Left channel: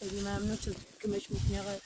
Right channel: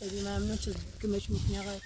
خیلی ممنون که مش میکنی آقای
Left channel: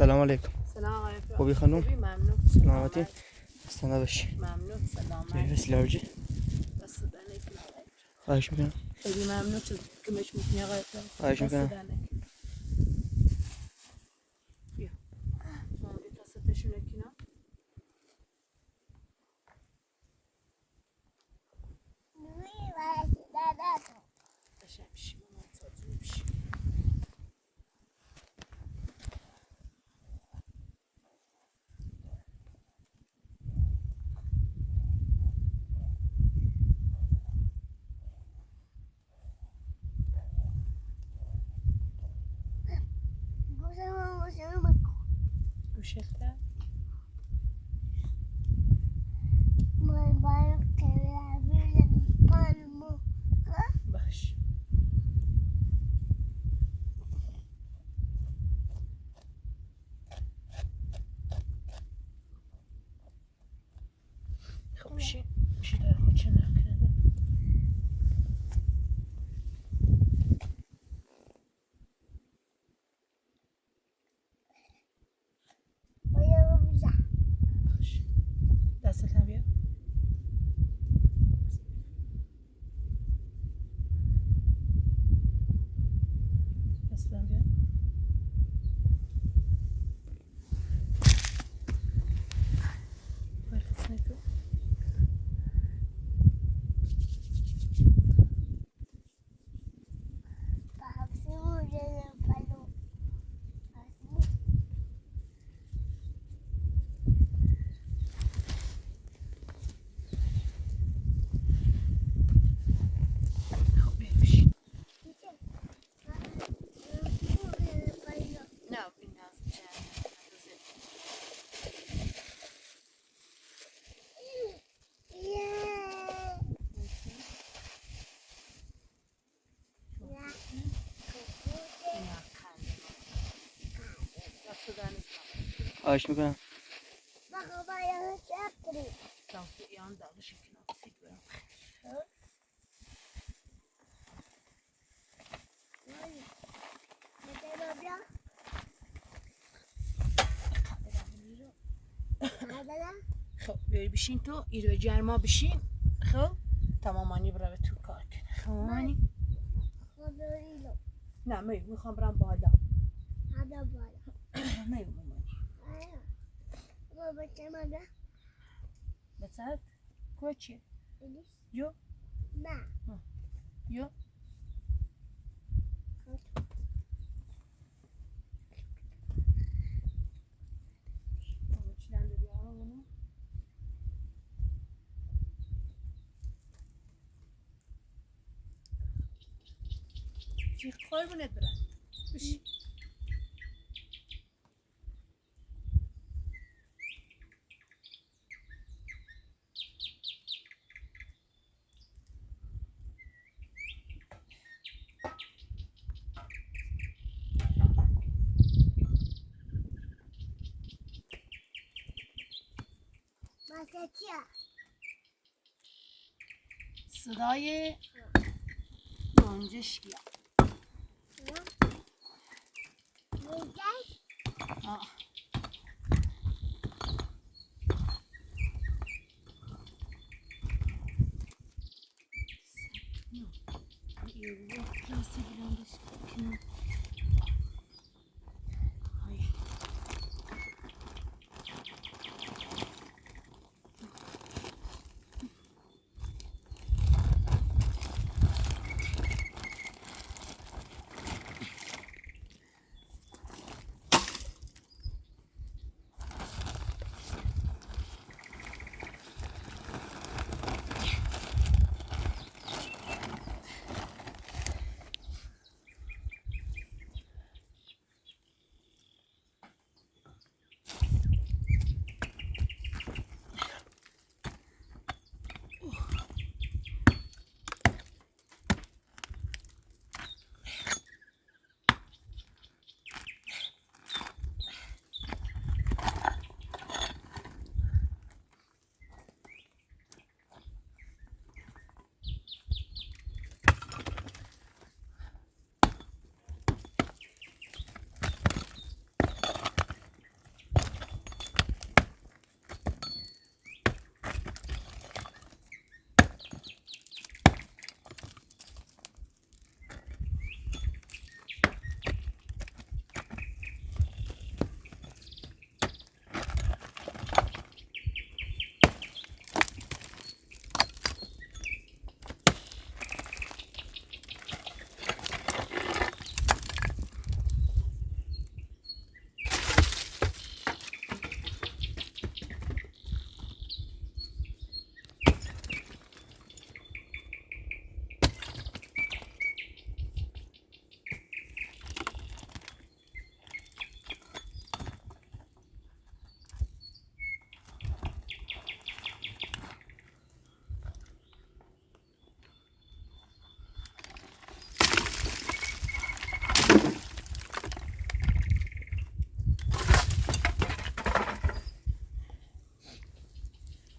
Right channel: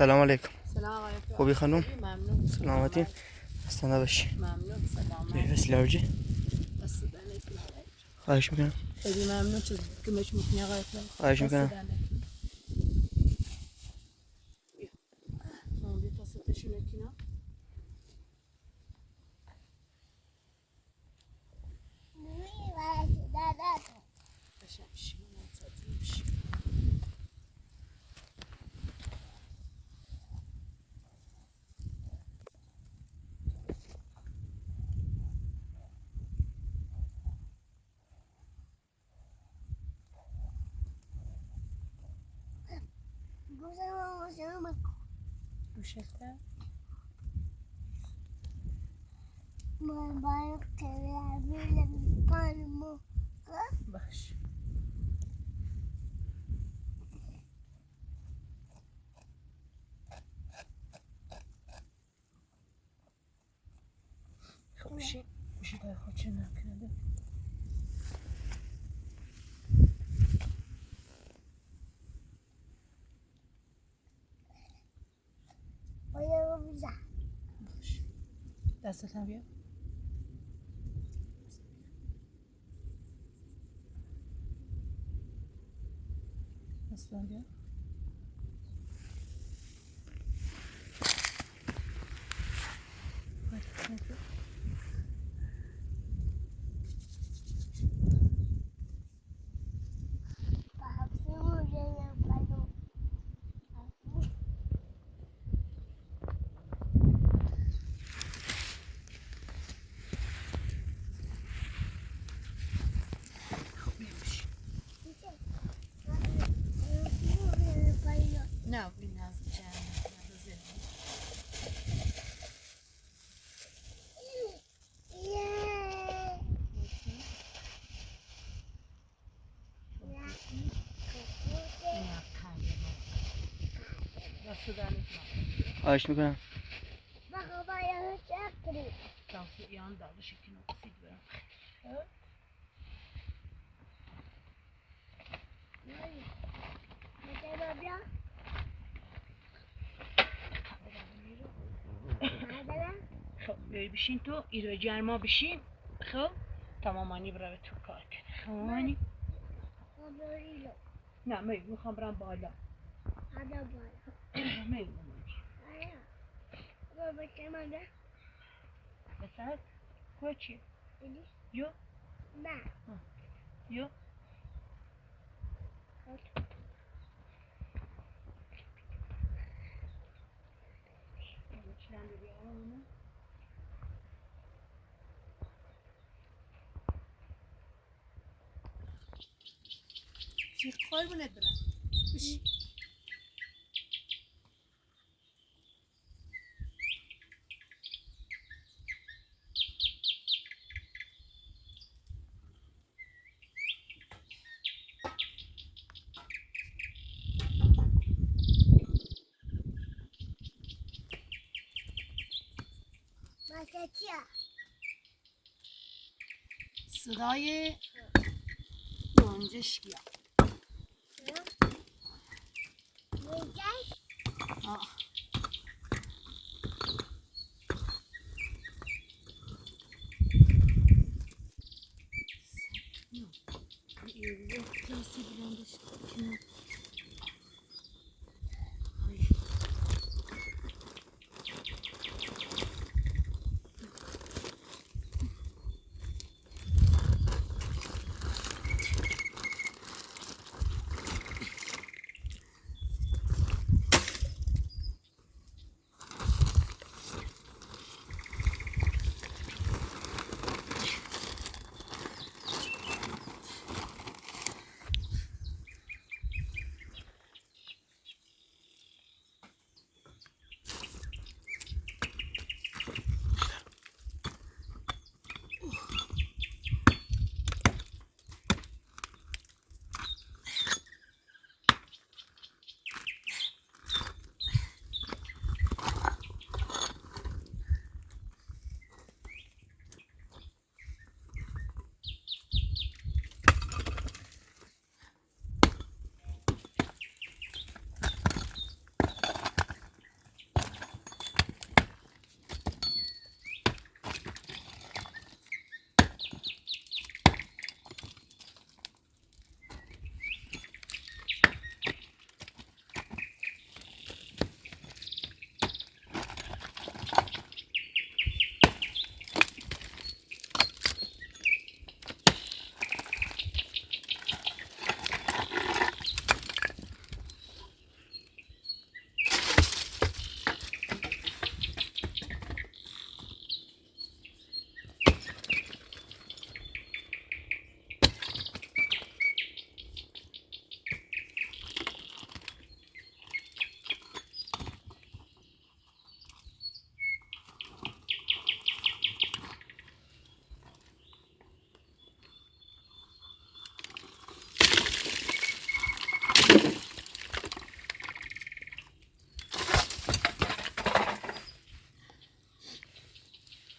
سلام علیکم. سلام علیکم. خوبی خانم؟ ممنون. سلامتی. استنده باشی. ممنون. سلام. بفرست لارجی. خواهش میکنم. خیلی ممنون که مش میکنی آقای خواهش میکنم. Ursäkta? Baş. خوشی در خودشون نکنده. دستت هم بیا. دستت هم بیا. صدا نکنم. خواهش میکنم. بابا یه چکری. تانکی یان داغش کنم سید برم. بیا. خب بیای بشین تو ایرو جرما بشین. خب تمامانی برای تو کار کنه. خب مامانی؟ نه میخوام برم بالا. مامانی. بابا چه مگه؟ بسات کوچی یو نه. یو چیلن داری آمونه چی قربونت برم بشی ماسه چیه؟ صدای گنجشکیه میگش؟ آه یه کلاسی بلندش کنم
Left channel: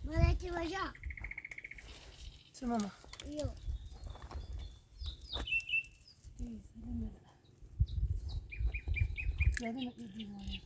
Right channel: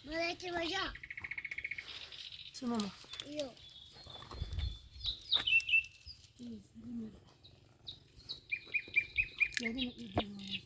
مالکی بجا. چه ماما یو. یادم دیوانه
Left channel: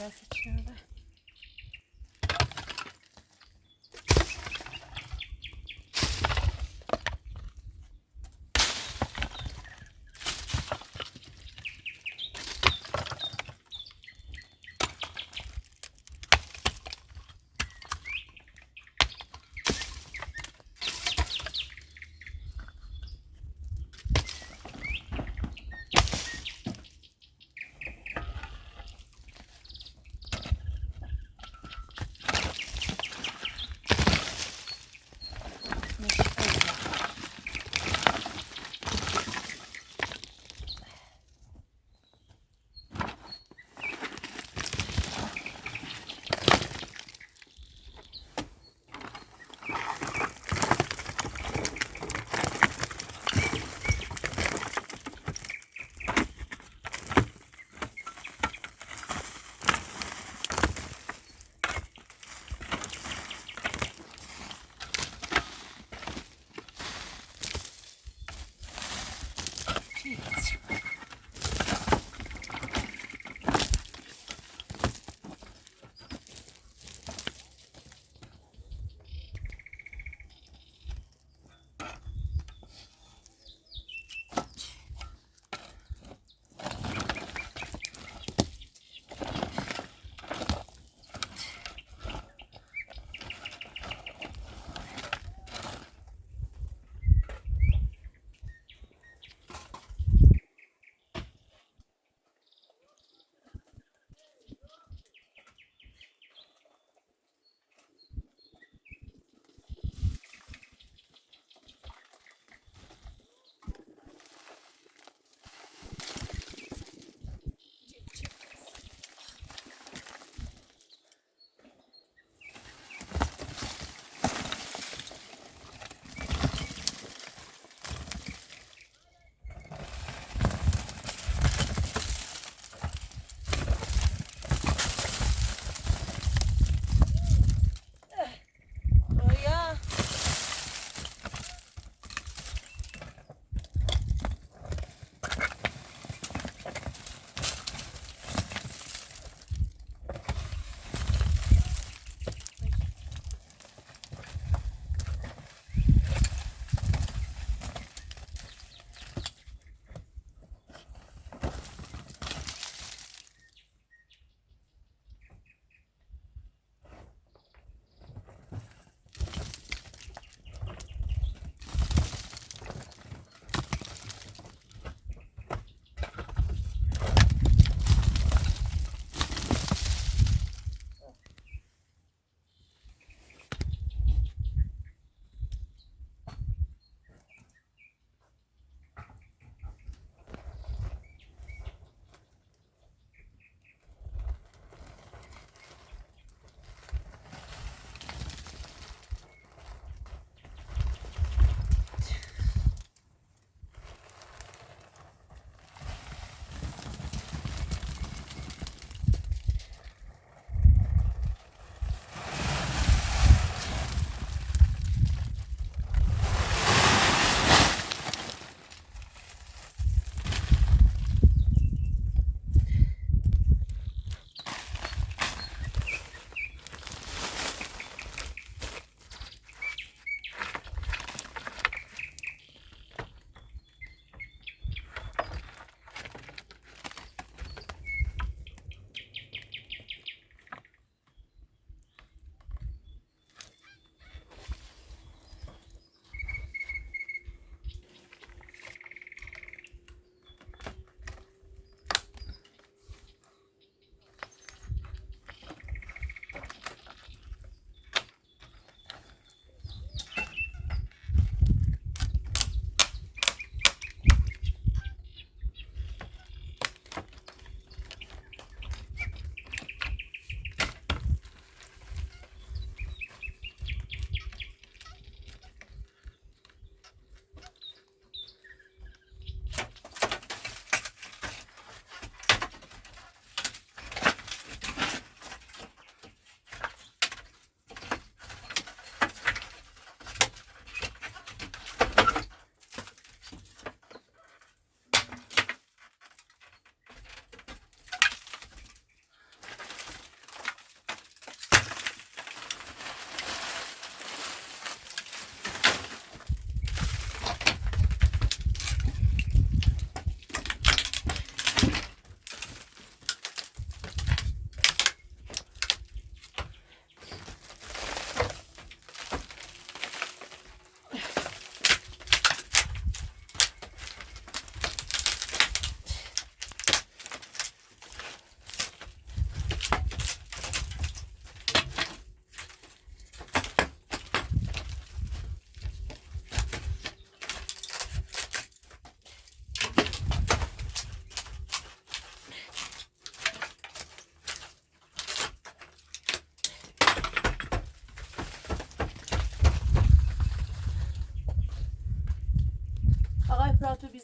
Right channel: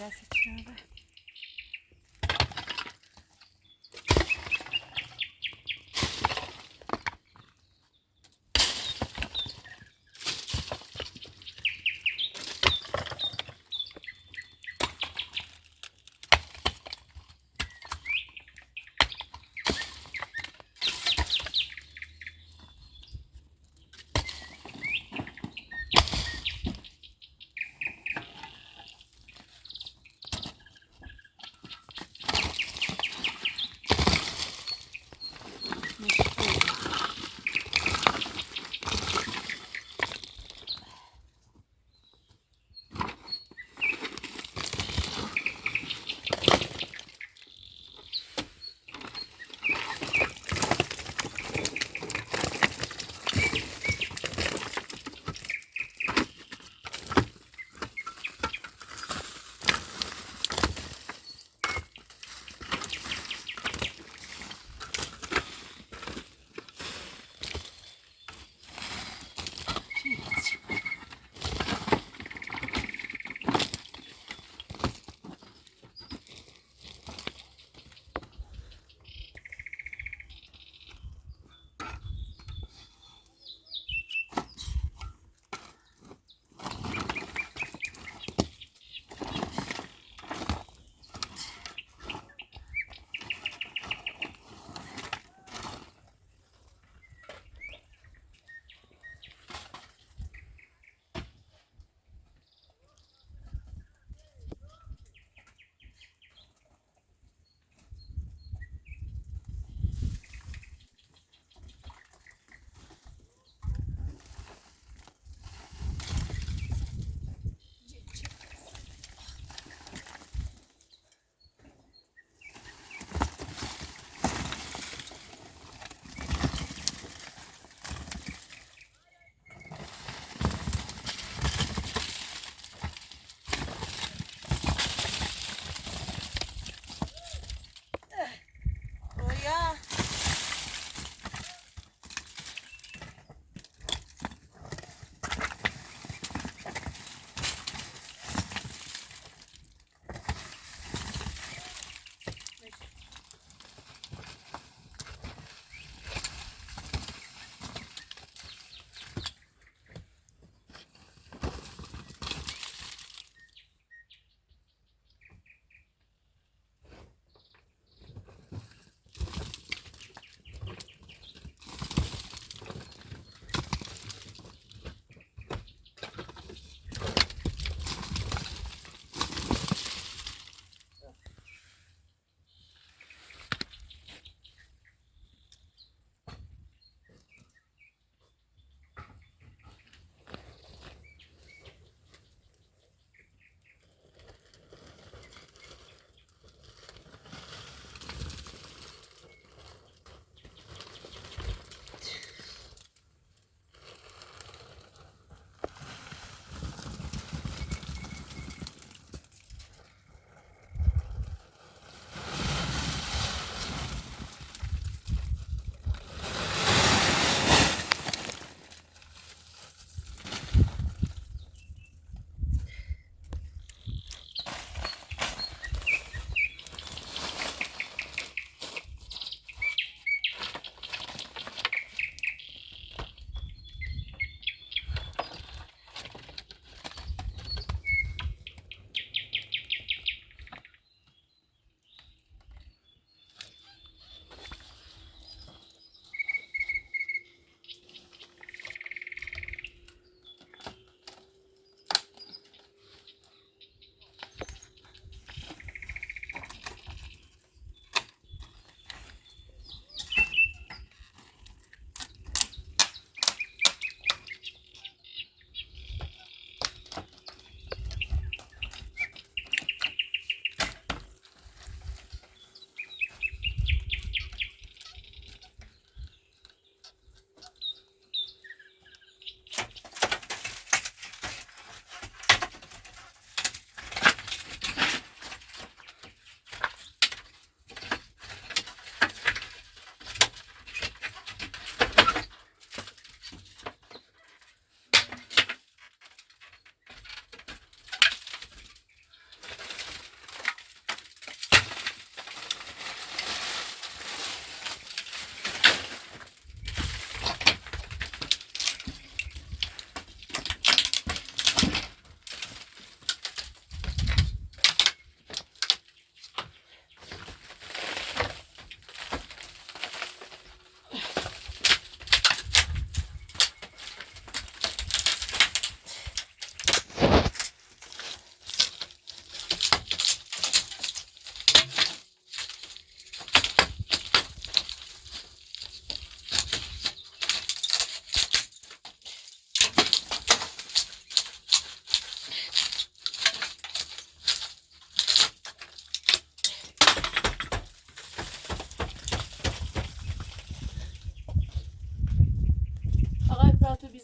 دست چنبه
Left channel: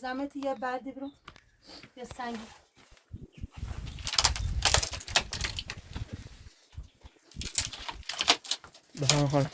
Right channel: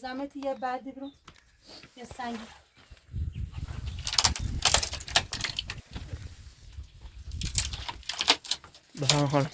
زحمتی یه بعدی برو یه سنگی بفهم خانم.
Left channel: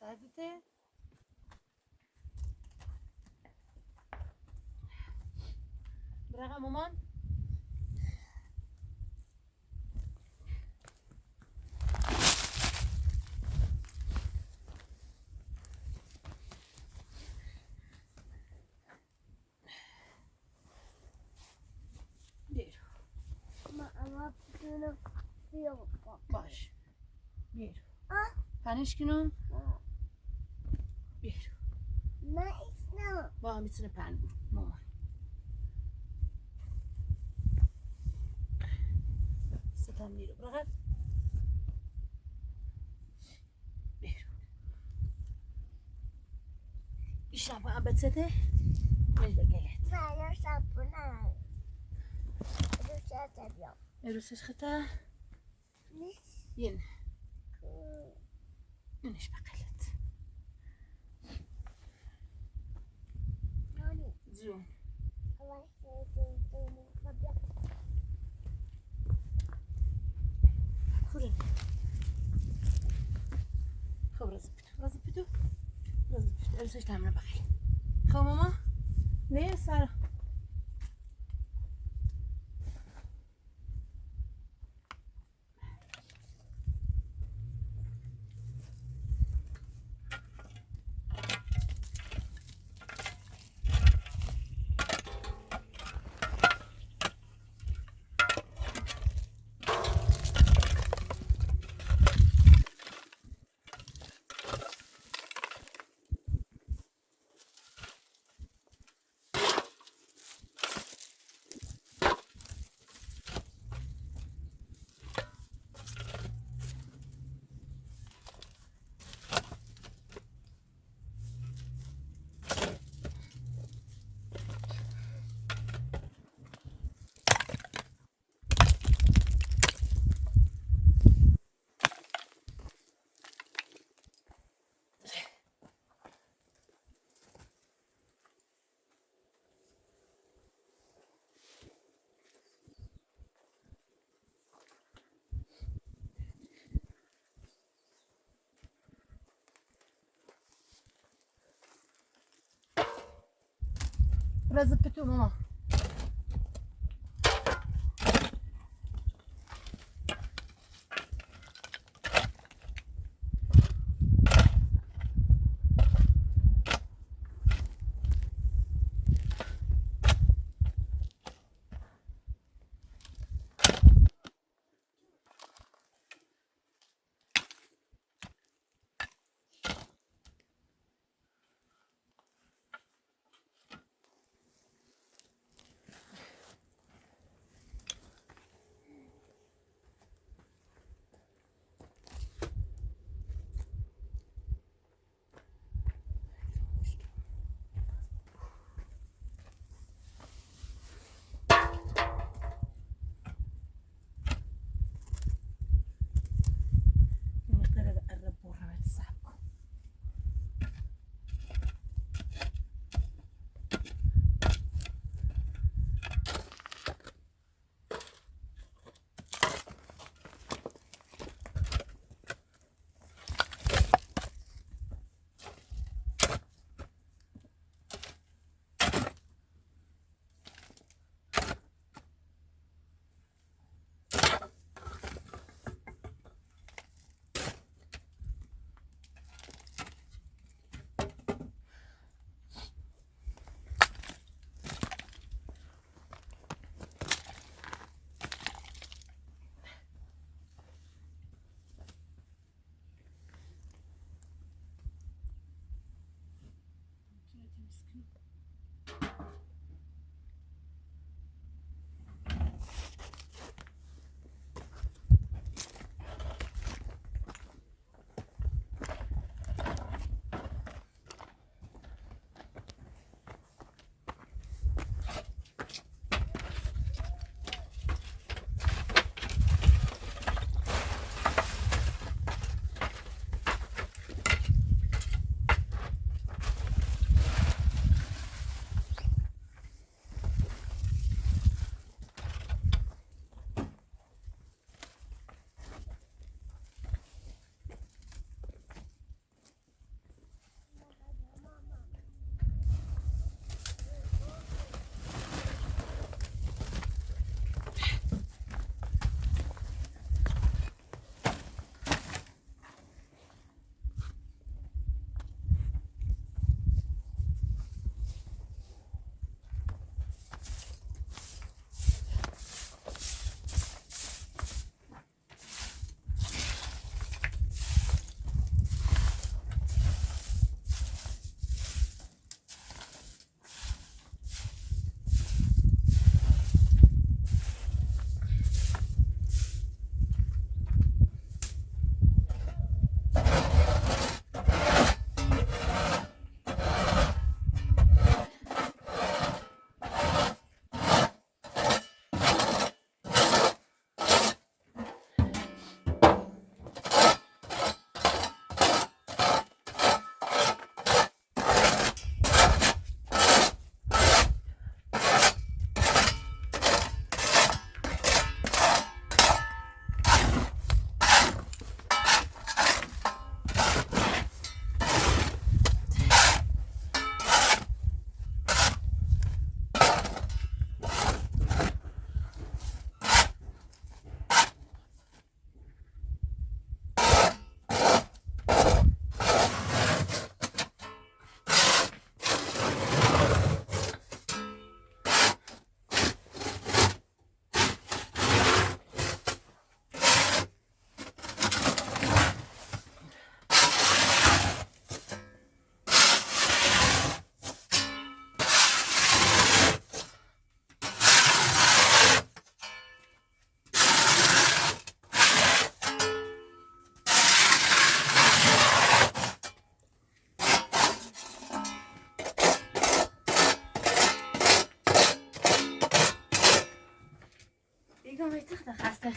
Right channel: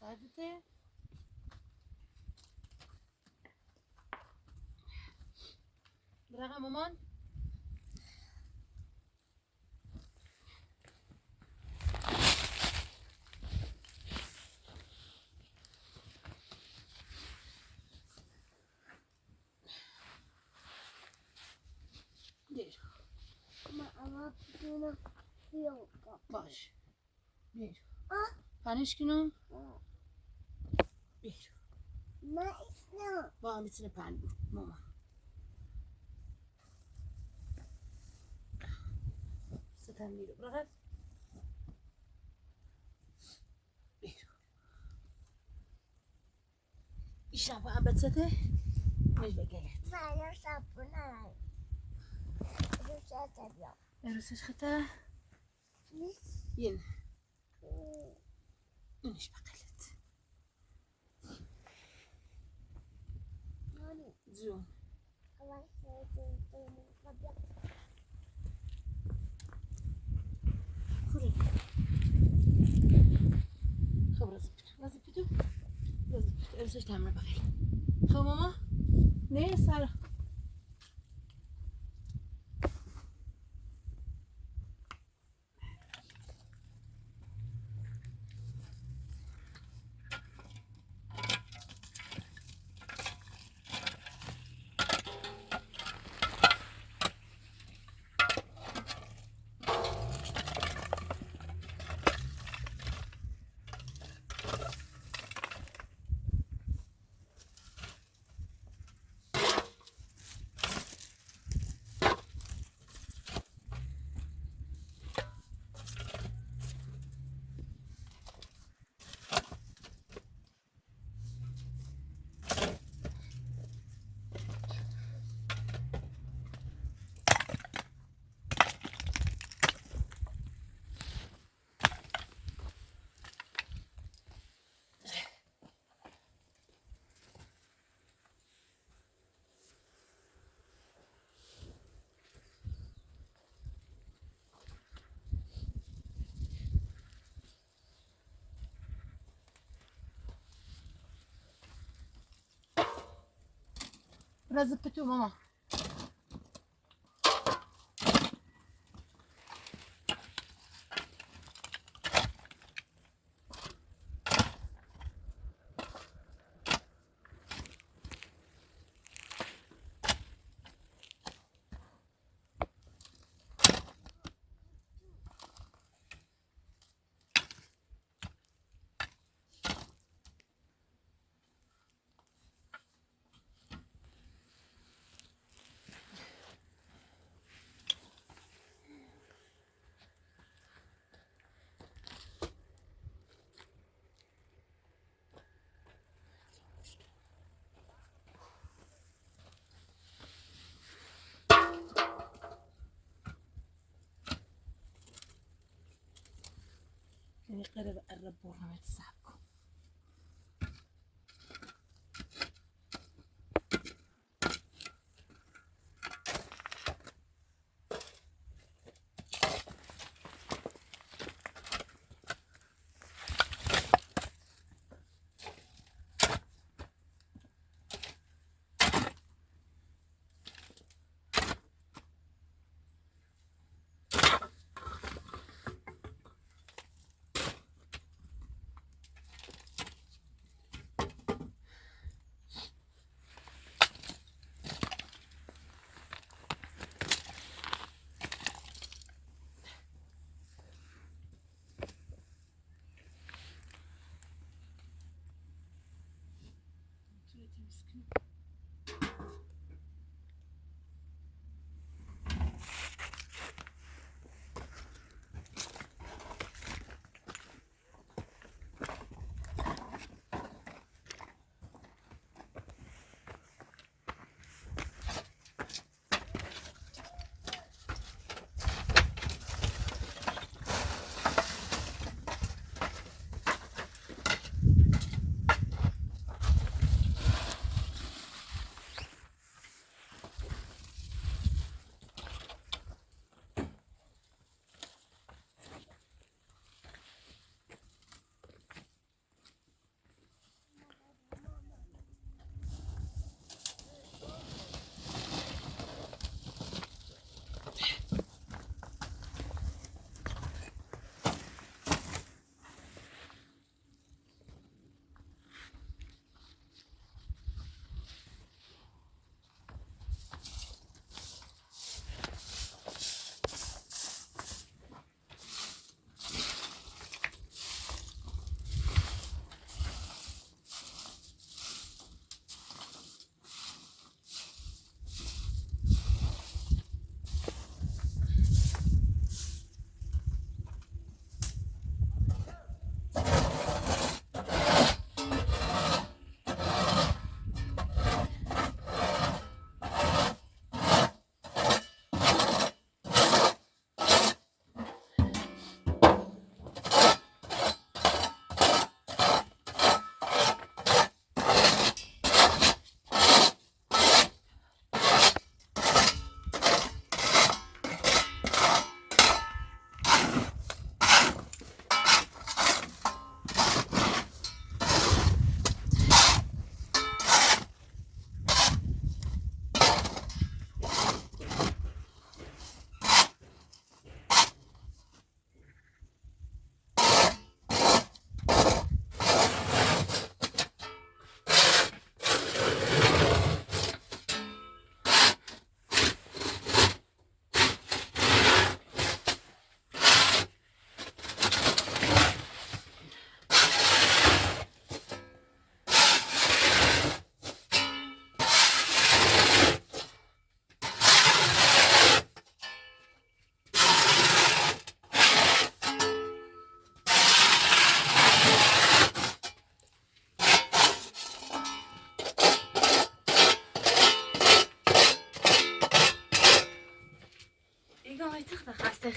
سردته برقم مامان دیر ama bunu yok. باش بیر Ah, پنج کنم بیر ne istiyorsun? با هم میتونه پن بود مامان ستم میره برقم بیر ایشم با هم بتسته مش بگلت Sana sapına. عروسش خطا ين منش بقلت زون كورن خب رزبتو عروسش تعمل بقل خب ماما نه سارا رزبتو ماما قرب قرب ورمت السحبكم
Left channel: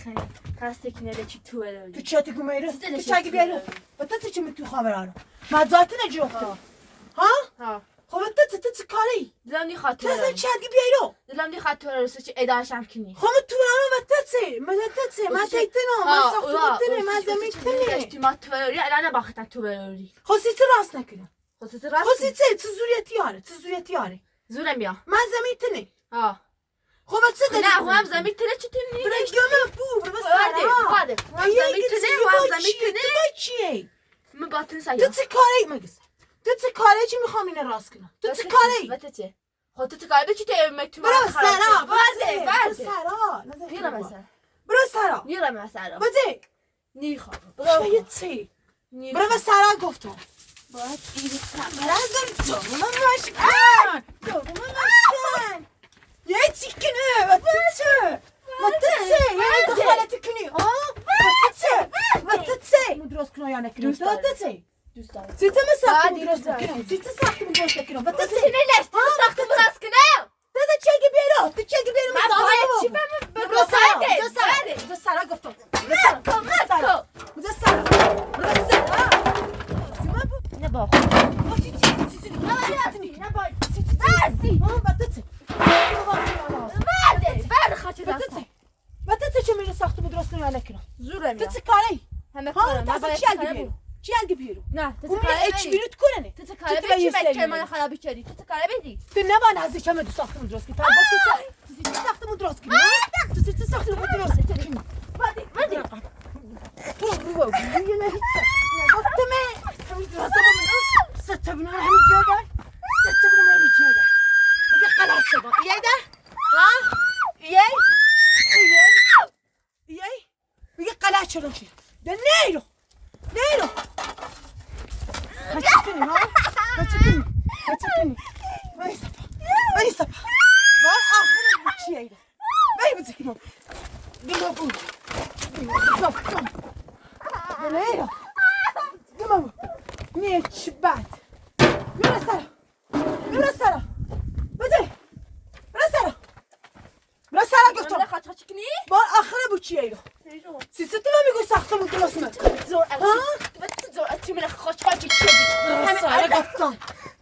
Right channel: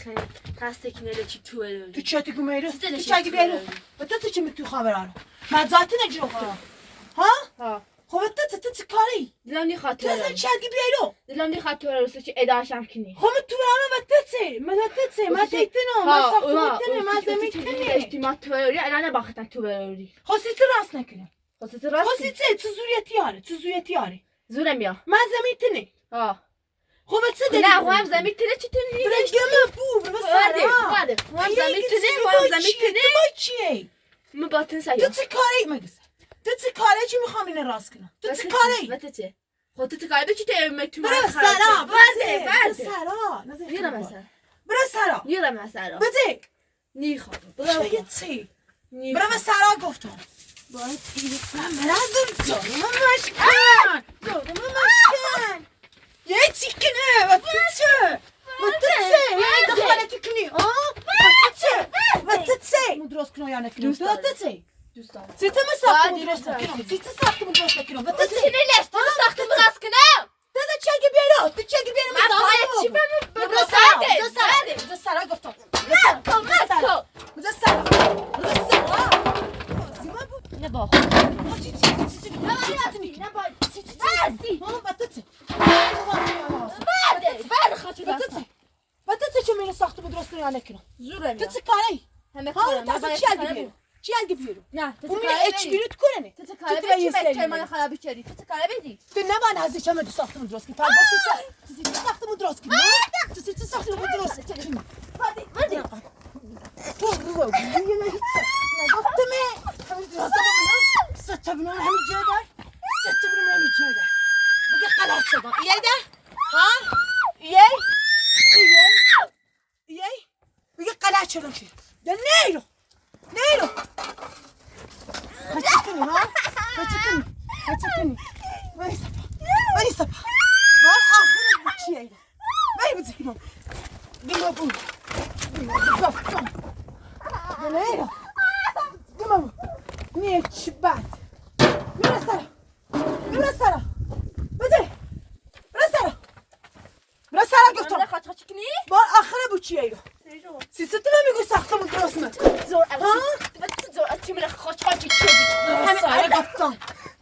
خیلی تستکنه چی تو تو بروی چه تگو میرو؟ Siz de تو ne چه بیرو؟ şey و تو چی میتو خبرانو؟ من ذاتی نجوختم. ها؟ ها خب تو چه کاری؟ دلم نیخواد تو تو بروی چه بیرو؟ دلم نیخواد تو بروی چی اداشم کنی خب تو برام و تو من تیتنو من ساختم من زمین تنی. اجتماع تو بروی الان نباختن تو بروی خواستی تو راست نکنم. خودت راست خواستی تو زوریتی آره. زورم بیا من زمین تنی. ها خب تو نه هم زمین تنه چی تنی برگم بو برو هم زمین تنه هم زمین تنه تو چیه؟ مباطن تو سیا چه کاری مگس؟ تو چه کاری چی میخوام اینو راست کنم؟ تو چه کاری؟ وقتی خودت کاری به چی تیم تو برو سرا برده سرا میرم مثلا برو سرا میرم مثلا بده نیخوام چه چی برو به سرا گفتم باید برادر دارم مشکن یه چیکنه و تو چه یه دخالت کنی و تو چه مدرست کنم یا نکنم دوست دارم. تو چه دوست دارم سیتا ما ساخت باید مدرست دوست کنم سیتا ساخت مدرست کنم و تو چه چی نلست ساخت براس کنم تو چه بیرو تو چه بیرو من باید چی برو بمون سرا گفتم کمک نه با بعد خاطر دستم چه میره ساخت بود درست کنی یا نکنم زورم تو چه کاری؟ همه ها کارم تو چی الگی بیرو؟ چی الگی بیرو؟ نه تو اون چه میره کاره اچ بدی بیرو کنه تو چه کاره تو بدی یه چی سری بچه من می‌بری. خرابی کردی تو چه کاره بدی تو نباید ازش همه دو ساختمون درست کنی فردا تو ساختمون درست کنی تو ساختمون درست کنی بدی من خاطر چی کنی بار آخره بود چیه سیستم نمیگو ساختمون درست کن زور زور چی من خاطر چی رسالة قطان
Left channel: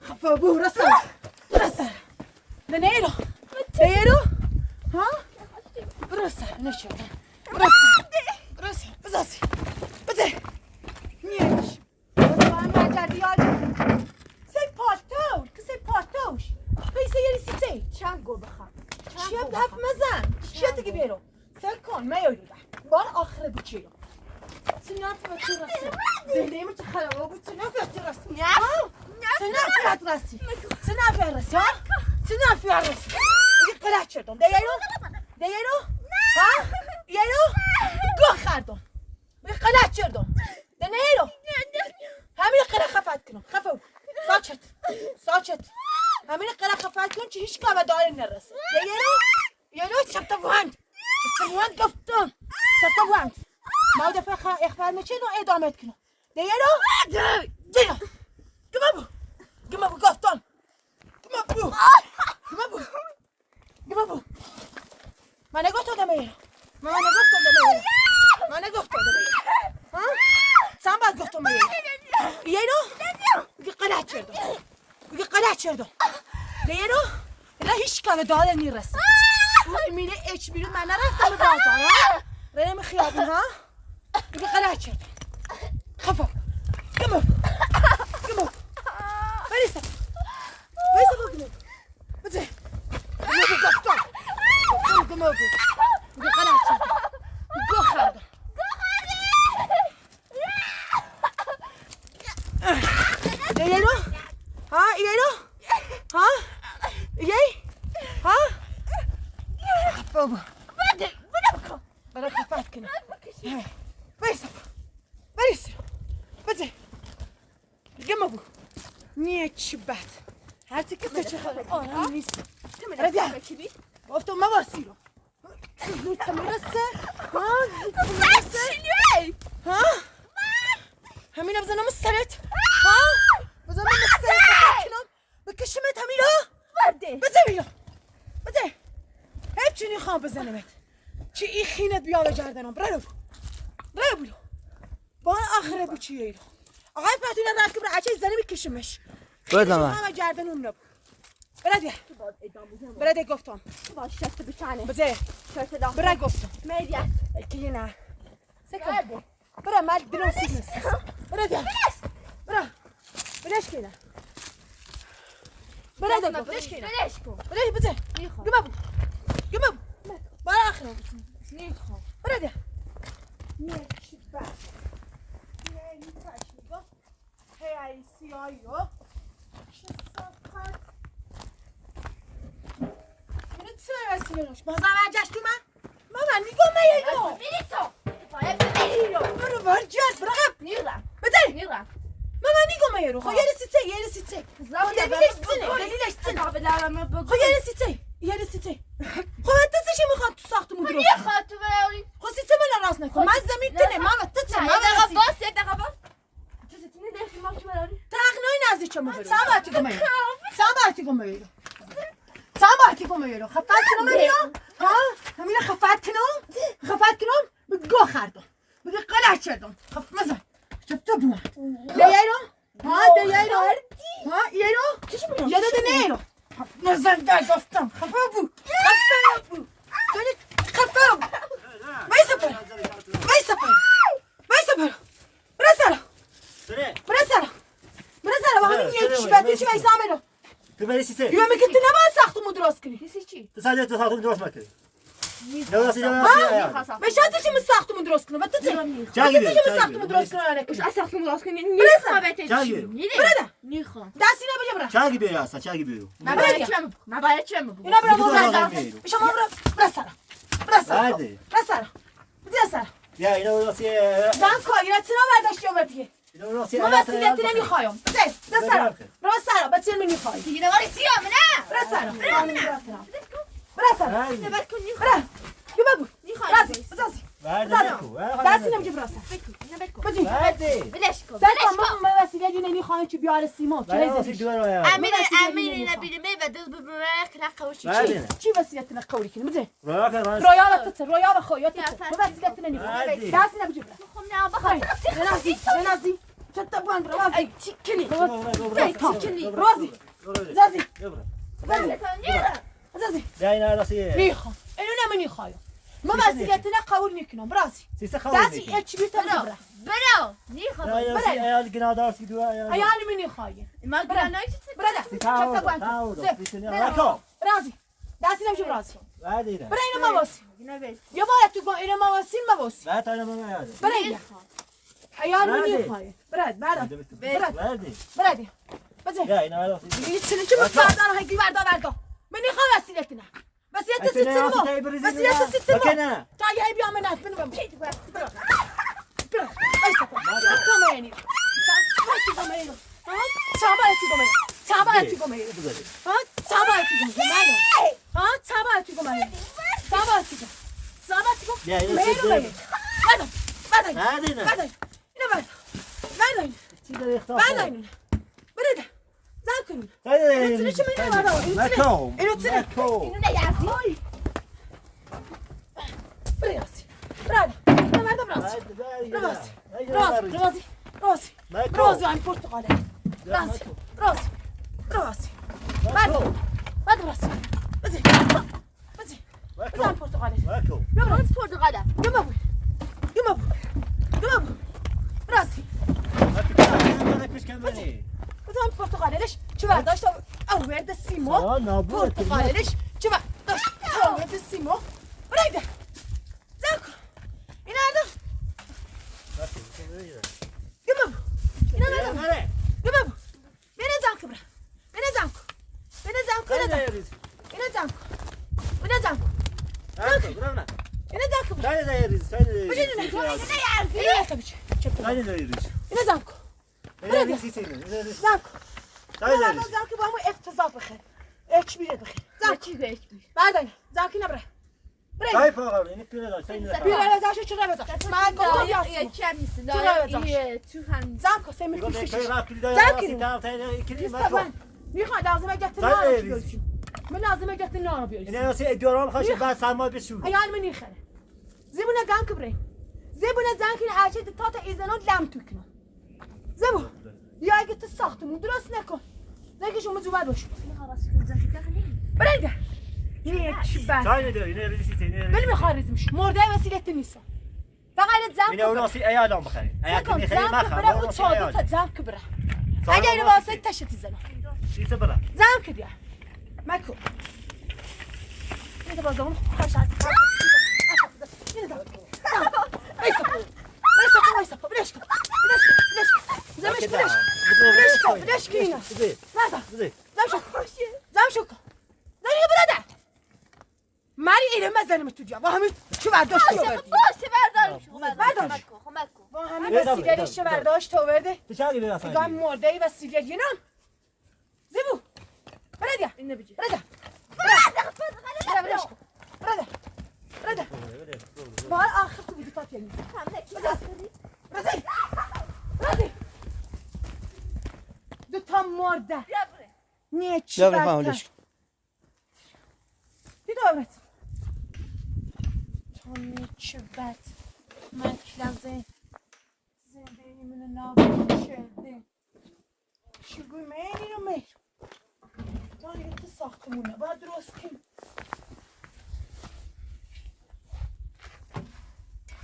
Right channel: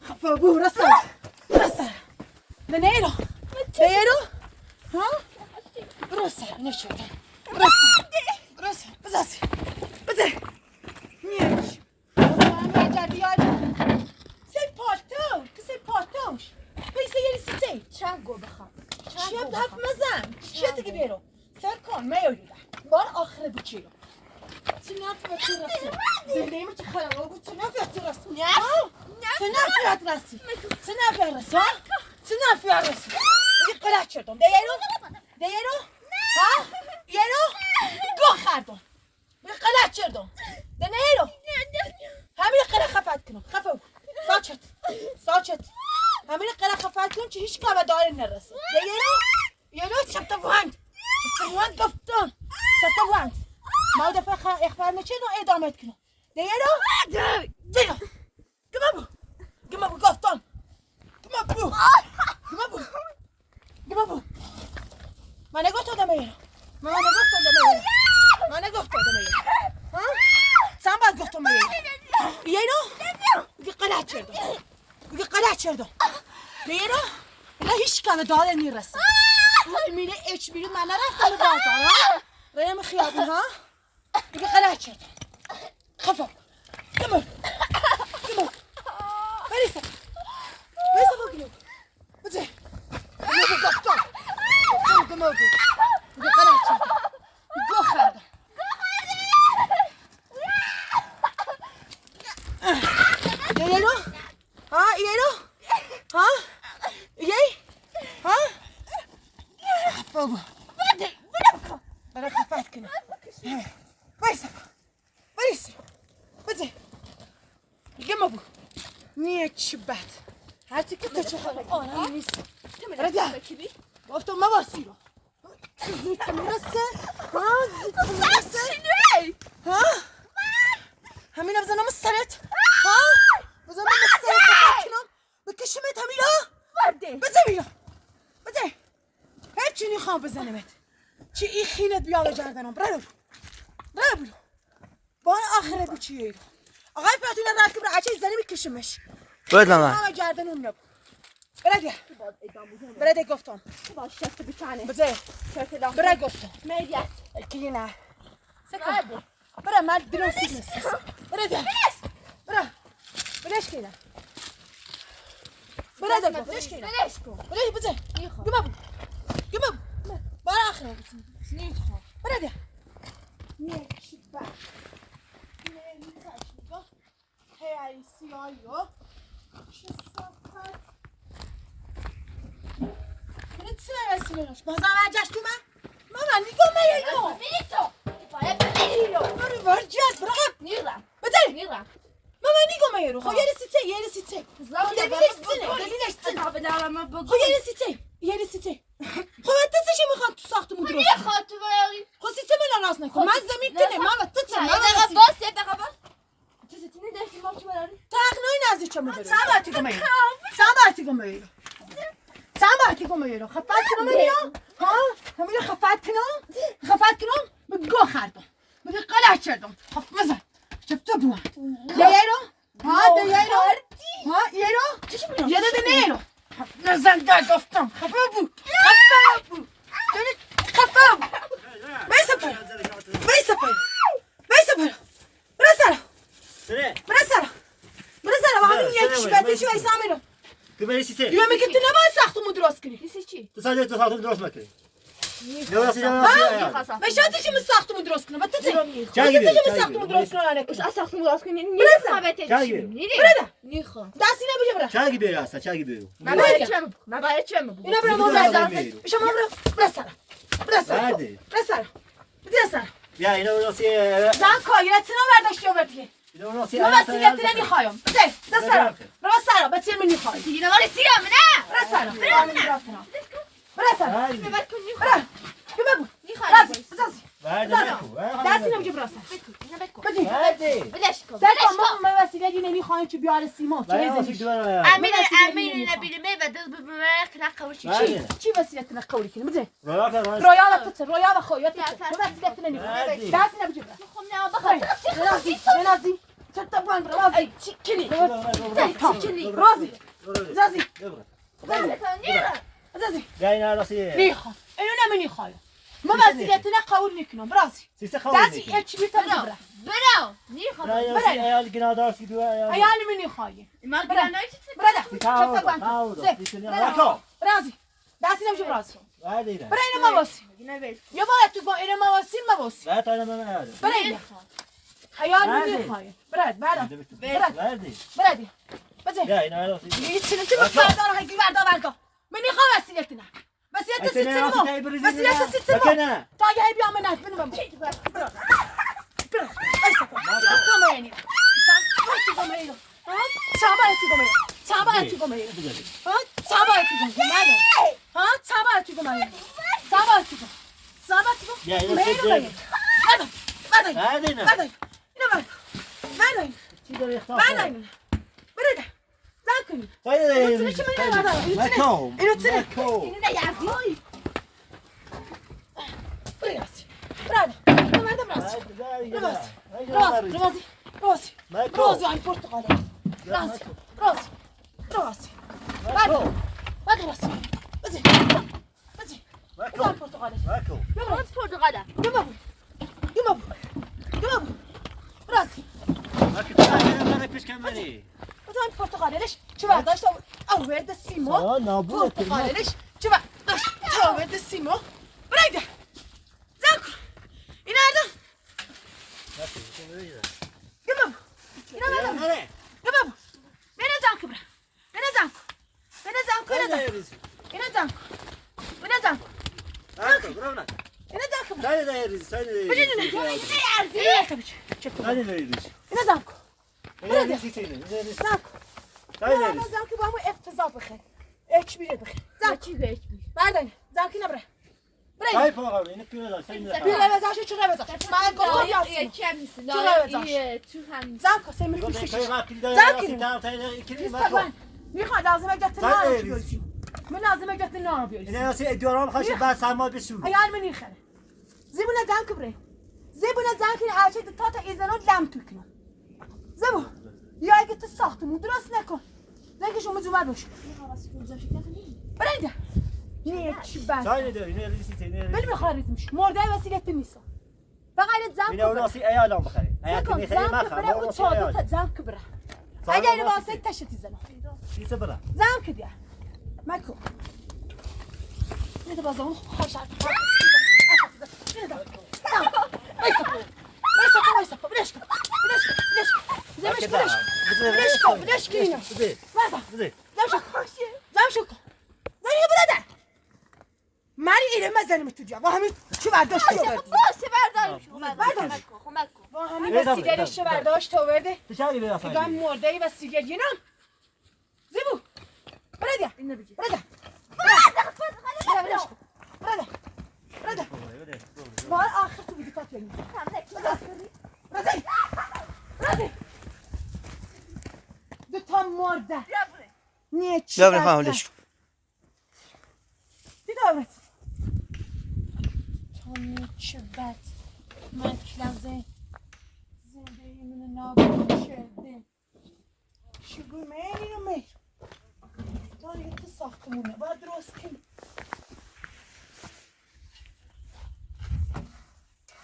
خفابو رسالة منيرو ديرو ها رسالة نشوف رسالة بزاسي بزي نيش ما جديان سي پارتوش بيسا يري سيتي چند گل بخوام شب هف مزن چیه دیگه بیرو سر کن میاری بار آخره بود چیه چه نفیت رسی زنده ما چه خلوه بود چه نفیت رسی چه نفیت رسی چه نفیت رسی چه نفیت رسی بگی قلع چردم دیرو ها یرو گو خردم بگی قلع چردم دیرو همین قلع خفت کنم خفو ساچت همین قلع خفت کن چه هیچ کار داره نرسه یرو چطه بوند گفتم چطه بوند ما دفعه اخبار میشه نو ادامه کنم دیرو گمه بو گفتم گمه بو من نگفتم دمیرو ها سام باید گفتم میرو بگی قلع چردم دیرو الا هیچ کار داره نیرسه میره اچ بیرون من نرفتم به بازار ها ریم خیابون ها بگی قلع چردم خفا گمه بریسه گمه بزه گمه گفتم گمه بگی قلع چردم گو خردم یرو ها ها بابا برای خفت کنم بریسه بزه گمه بو نیه چی بد هرچی که تو چه خواهد آرام نیست رده گفتم ما باسی رو زود که میرسه ها همین بزنم سرت ها بزنم سرت خفت کنم بکشمت همین ها بزه بیا بزه هیچی نخوام بزنمت چی این خینت بیاله گردنم برو با آخره بو چیه آقای پاتینا رفت که برای زنی میکشمش باید من همه گردن اون نبود برده گفتم باش شفت بتانه بزه شفت برای گفتم ميديات کی نه سكر برای من درستی نیست برده بلش کنه برده گفت بلش کنه بلاش كون بلش بزه نيخو گمم برای آخره نيخو برده شبه نگاه هی سیاهیو چه صفت چه رسیدنش بازم برگشت تو من نگاه میگم ميتو باید بمیرو برو برگشت برو قبل نیرم بزنی نیرم نگاه میگم خب یه رسیته خب یه رسیته خب تسش میخواد تو ساختمون درست میخواد تو بری خب سیته من راست نکن من زمین کنه من تسه یه دقیقه باس یه دقیقه باس تسیتینی داشتی ما چه بری تقنای نزدیک ما برو سامارتی گم میرو خفت کنم ها همین خفت کنم بگو خردم بگو قلع چردم خفت مزن چطور بوم دیایرو ها ایرو یه داده نیرو خفت مزن در گفتم خفت بو وایسا پر برا و همین یک شبته چی وایسا میرو تو بری سیسه دیگه میگه تو نباید ساختمون درست کنی دیسی چی تو ساده تو خاطر درست مکنی نه واسه مشات چی ساختمون درست کنه بعد چه جایی چی ساختمون درست کنه اش اساختمون درست کنی نیخو بهت جایی برده نیخو دستی نبیه برا چایی بری اصلا چایی برو من باید چم اینا برا شما برا سر بده سر بیا اینا واسه زن کایرتنا برداشتی آوردی اینا واسه من وسیلت نمیخوایم بده برا سر بچه من نمیخوای دیگه ولی سیام نه برا سر ببر کن نیخو برا بگو نیخو دستی نمیگه برا سر اینو بکن بده بلش کن من وسیلت نمیخوایم که بیاره سیما امیر نبیلمه و دل ببرک نقوشی چی وسیلت نقولی کنی بده رویا و خویات وسیلت نمیخوایم دستی نمیگه برا خب نه بخوام رازی چطور بند رازی چیکنی رازی بیا اینا واسه نیخوام اینو نمیخوایم ما وسیلت قبول میکنم رازی سیسه خواهی دستی اچ بیتا برو نیخو ایال گنادار کی دو ایال می نمیخوای ما گرانای رازی دستی نمیشه رازی بعد برای اینو ما واسی یا باید تو با اینو ما واسی ما واسی بعد انا ما یاد برای ایال می نمیخوای برد برد بزن بیا اینا واسه میتونی که بردار هنگی بردار من نمیخوام وسیلت نه وسیلت سیستم وسیلت سیستم تا اگه بیا من نت بنم برو رازی این پرتقاله رازی بعد رازی بزن پرتقاله باز پرتغاله گمم رازی بزن پرتقاله ليش شو برداشت اورد السيمو پرتقاله ليش شو برداشت اورد السيمو بريده زاكو اینا گمم بینه زنکو برا بینه زنکو با همون افتضاح بخیر اچ بیره بخیر زنکی بردن زنکی نبره Dai pagal, ne pire sen. بیره بزنش چه بزنش من گفتم یاسی زنکو سمی میخواد لازمه جت نه من لازمه جت نه بیاری اینا سی ادیارام خاصی بعد سرما بشو. ایال منی خره زبونه زن کبره زبونه زن که هرچه تا تا ایزنان لم میکنه زبو یا اگه تو ساختمون درست نکن نگه شما جو باش برنده نه چی بد Çay ne diyor? Yine yerli site, yine yerli بلی site. میخوارزمش مرده وسیلت نیست فقط زن Yine onu nasıl ayağdan bakayım. Ayak زن kimi seni bakar. کبره Onu و nasıl چادر ayağdan. زن کبره Sonra اگه اینو nasıl واسه تشتی زنم Site bırak. زن که دیگه مکو اینو بازمون خوش عاد ماری ایره مزنم تو جا و همین چه برداشت تو بردی باشه بردارش بردارش. کمک کن و همین وسیلهش چه برداشت تو برده Dışarı gidiyor Hasan. نگاه مرده ای وسیله ینم زیبو برده اینو بجی برده برده ما آخر تو بیدی پات یعنی برده دو تا مرده نیه چی بیا بریم حالش کن. بیدارت تا نیه چی بد من کلازه زندگی من نابود شده چگوی منی رو میر تا نیه تو ساختمونه باید درست کنی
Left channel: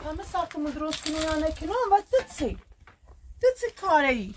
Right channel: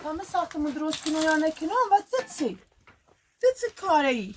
همه ساختمون درست کنی یا نکنی و تو چی کاره ای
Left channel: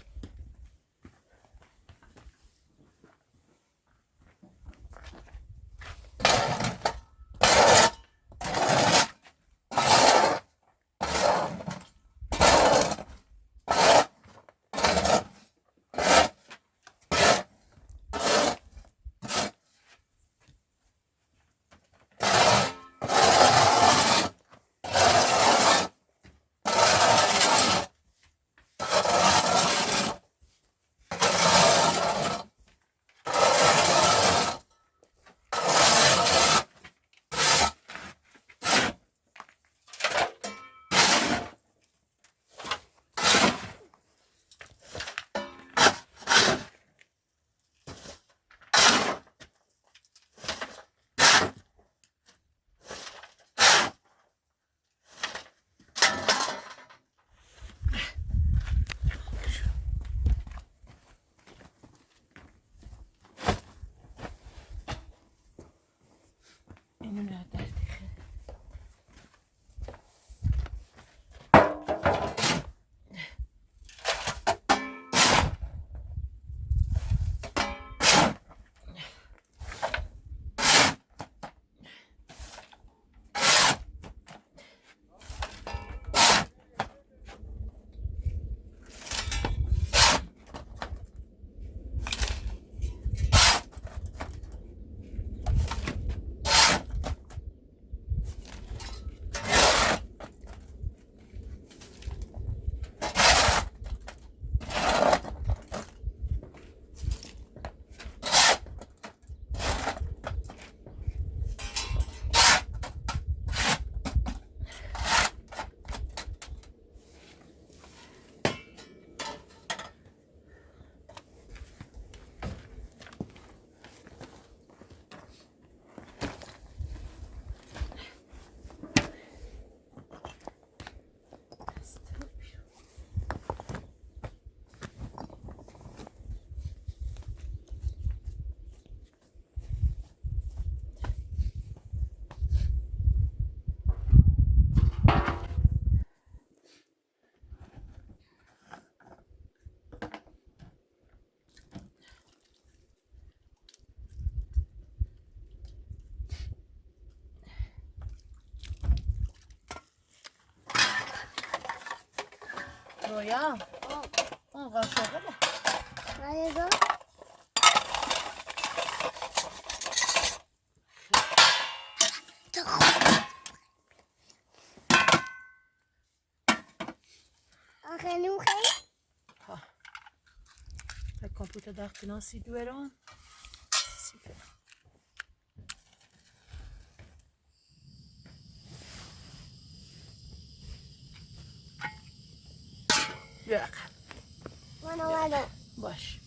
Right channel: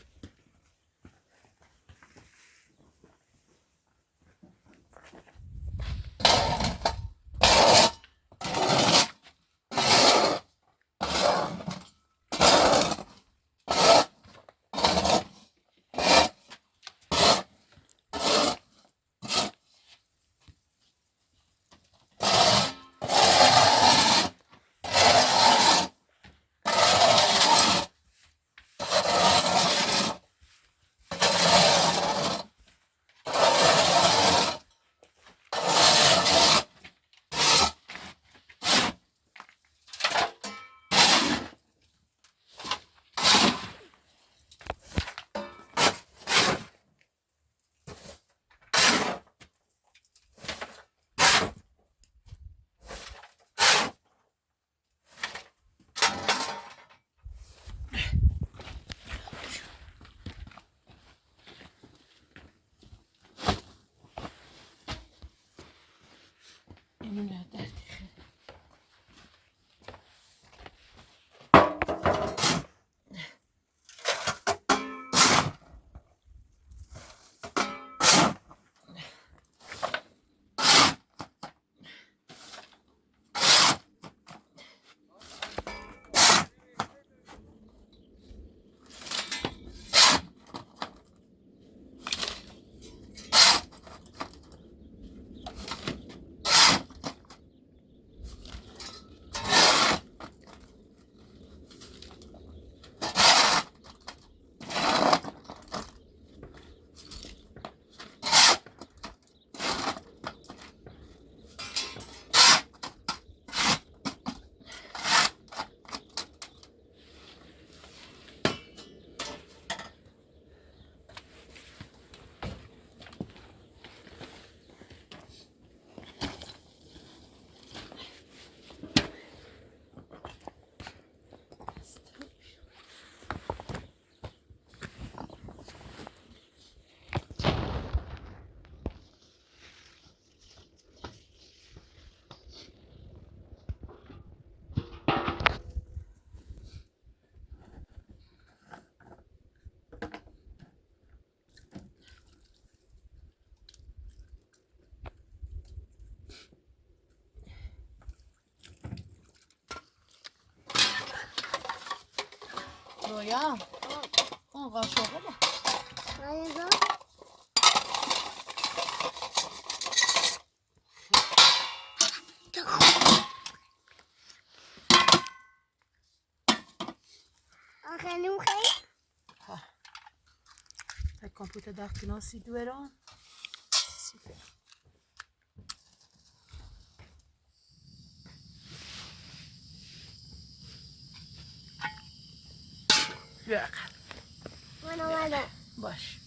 اینو نداری رویا آقا شغله Nerede? خیلی خیلی تا کامپیوتر در کناسی دویران بیا من اومدم باش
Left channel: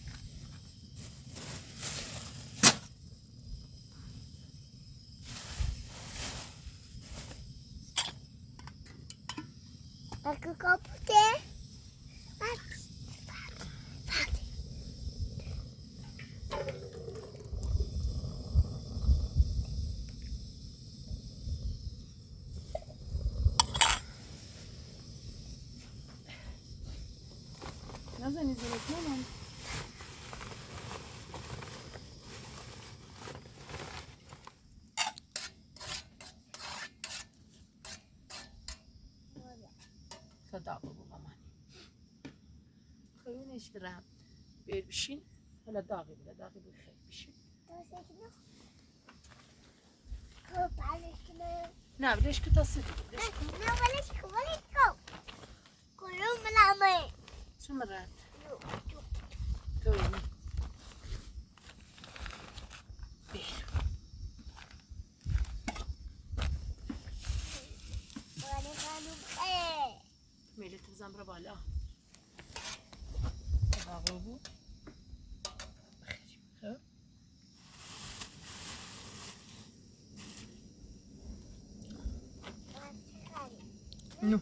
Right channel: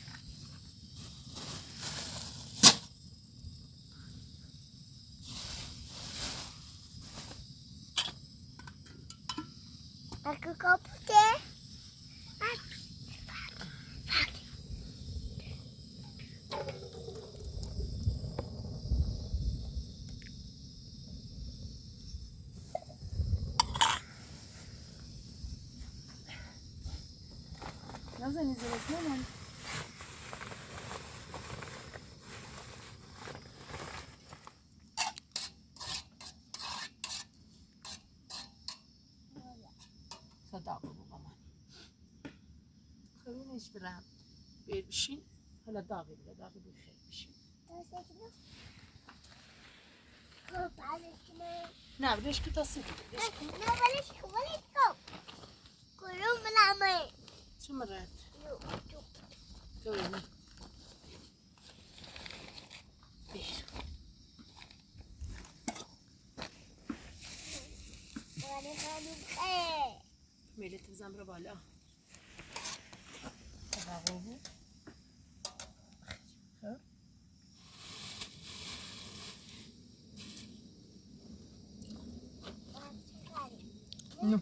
کپوته نزنی زیرت نمان. صدا بابا من خیلی نشترم بیاید بشین حالا داغی بده داغی بی خیلی بشین نه بدهش که تصدیق بدهش چه مرد تو بینی بیر میلیت بزن برو بالا تباقو بود خب نو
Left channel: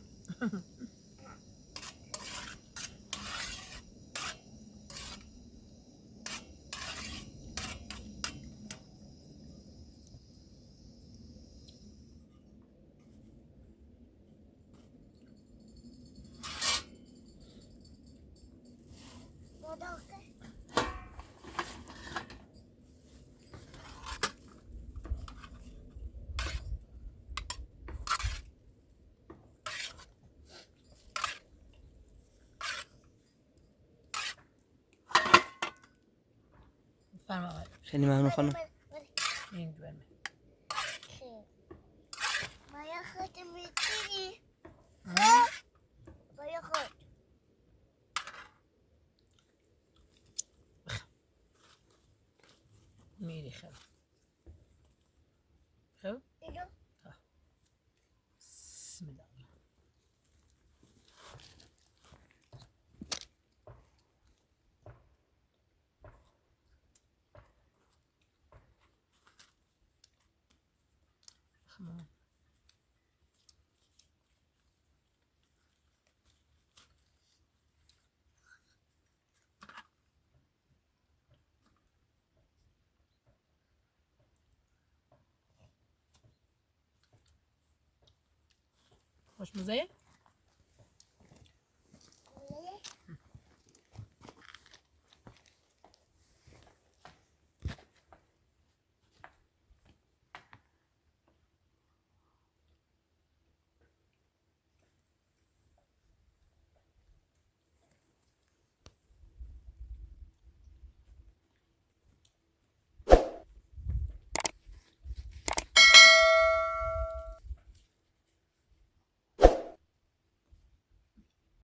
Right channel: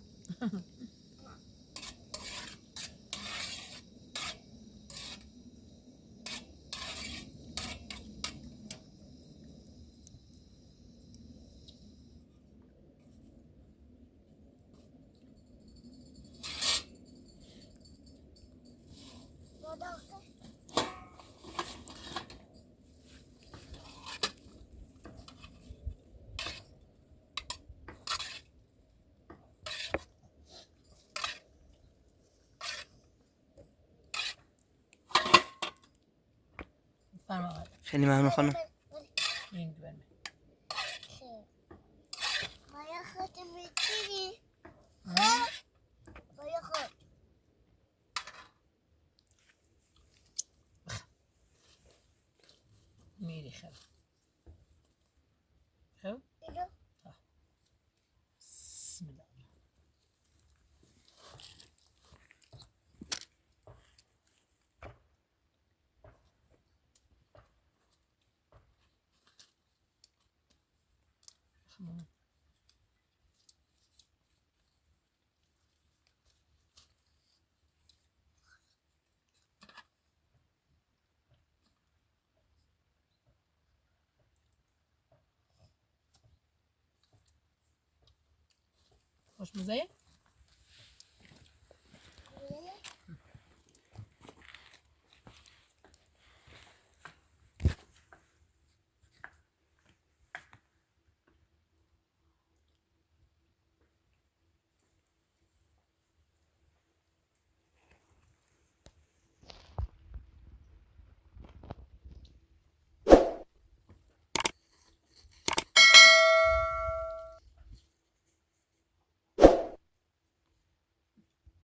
فرما آقای خیلی ممنون خانم. این برمه باید خود میتونی باید خود میری خب خب اینو بسم الله خب خوش مزه